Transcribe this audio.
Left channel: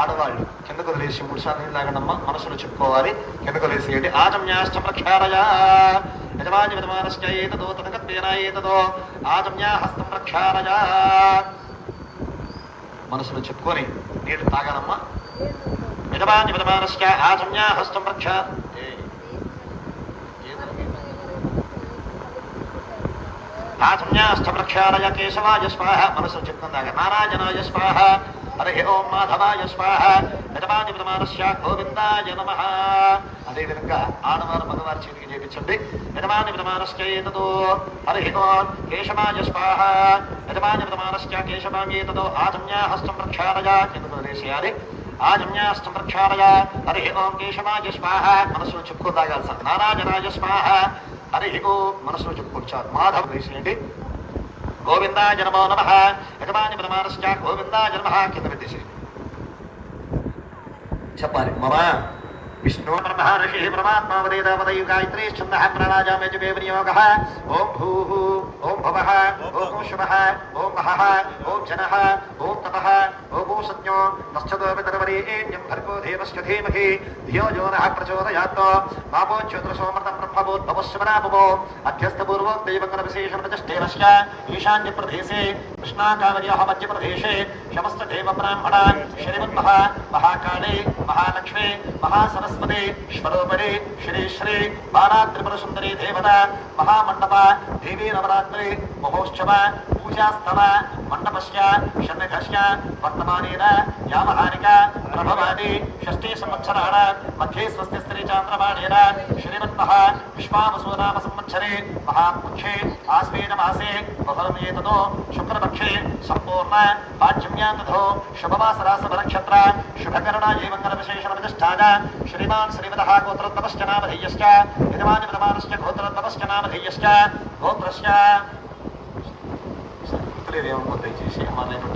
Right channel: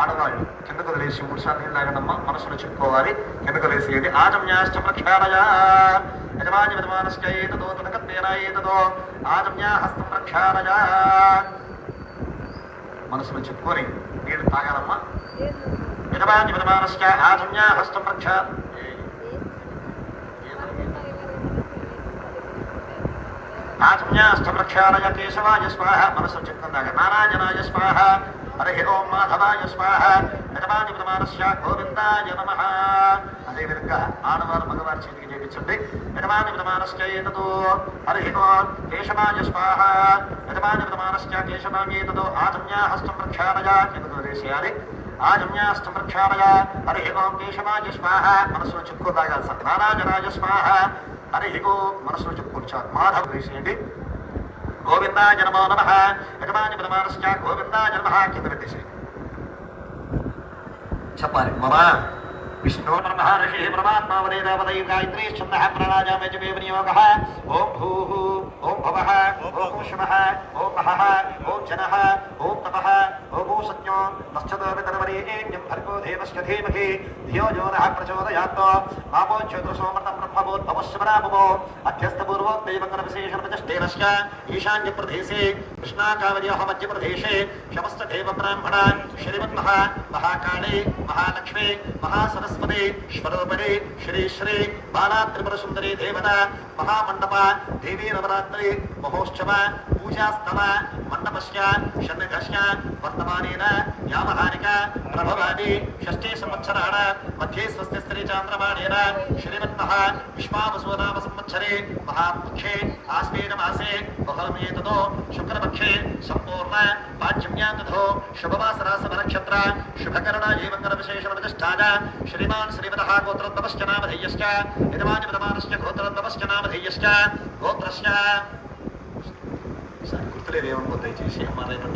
ఆడవాళ్ళు కిందకు వదిలేసి 3 సార్లు నీళ్ళు తాగడమ్మా, మనసులో చెప్పుకోవాలి. కిందకు వదిలేసేయండి. ఆజమ్యాశ్చ ప్రక్షాళయ యజమాని విధమానశ్చ ఏతదో తనకత్వేన ఏతదో ఆజమ్యా హస్తం ప్రక్షాళయ. మనసులో చెప్పుకొని నీళ్లు తాగాలమ్మా. యజమాని విధమానశ్చ ఆజమ్యా హస్తం ప్రక్షా ఆజమ్యాశ్చ ప్రక్షాళయ కేశవాయ స్వాహ. మనసులో చెప్తుందాక నారాయణాయ స్వాహ. హరి ఓం మాధవాయ స్వాహ. యజమాని విధమానస్య గోవిందాయ నమః. అదేవిధంగా ఆడవారు మగవారి చేతికి చేయించండి. యజమాని విధమానశ్చ ఏతదో హరి ఓం కేశవాయ స్వాహ. యజమాని విధమానశ్చ కేశవాయేతదో ఆజమ్యా హస్తం ప్రక్షాళయ. ఎందుకు వదిలేసేయాలి. ఆజమ్యాశ్చ ప్రక్షాళయ హరి ఓం కేశవాయ స్వాహ. మనసులో చెప్పుకో తాగాలి సార్. నారాయణాయ స్వాహ. హరి ఓం మనసులో చెప్పుకొచ్చారు. మాధవ వేసేయండి. గోవిందాయ నమో నమః. యజమాని విధమానశ్చ గోవిందాయ నమః. కింద పెట్టేసేయండి. చెప్పాలి. మమ విష్ణు మహర్షి పరమాత్మా వదేదావదై గాయత్రీ ఛందః ప్రాణాయామే వినియోగః. ఓం భూః ఓం భవః ఓం శుభః ఓం మహః ఓం జనః ఓం తపః ఓం సత్యో నశ్చదో వితరవరేణ్యం భర్గో దేవస్య ధీమహి ధియో యో నః ప్రచోదయాత్. మాపో జ్యోతిషోమృతం బ్రహ్మభూద్భవస్సుమరాభవో అధ్యస్థపూర్వోక్తైవంగన విశేషణమజష్టేనస్య ఈశాన్య ప్రదేశే కృష్ణాకావర్యాః మధ్య ప్రదేశే సమస్త దేవ బ్రాహ్మణ శ్రీమన్మహ మహాకాళే మహాలక్ష్మి మహాసరస్వతి స్వరూపిణి శ్రీ శ్రీ బాలా త్రిపుర సుందరి దేవత మహామండప దేవీ నవరాత్రి మహోత్సవ పూజాస్తవ మండపస్య షణ్ణిధస్య వర్తమానేన యామహానిక ప్రభవాది షష్ఠే సంవత్సరాణ మధ్యే స్వస్తి స్త్రీ చాంద్రమాణేన శ్రీమన్మహ విశ్వావసునామ సంవత్సరే మహాపక్షే ఆశ్వేన మాసే బహుళమేతదో శుక్లపక్షే సంపూర్ణ పాడ్యమ్యాతథో శుభమాసరాసవ నక్షత్ర శుభకరణ ఏవంగర విశేషణ ప్రతిష్ఠాన శ్రీమాన్ శ్రీమదః గోత్రోద్భవశ్చ నామధేయశ్చ యజమాని విధమానశ్చ గోత్రోద్భవశ్చ నామధేయశ్చ గోత్రస్య గుర్తులేదేమనుకో దయచేసి అమ్మ రేపటి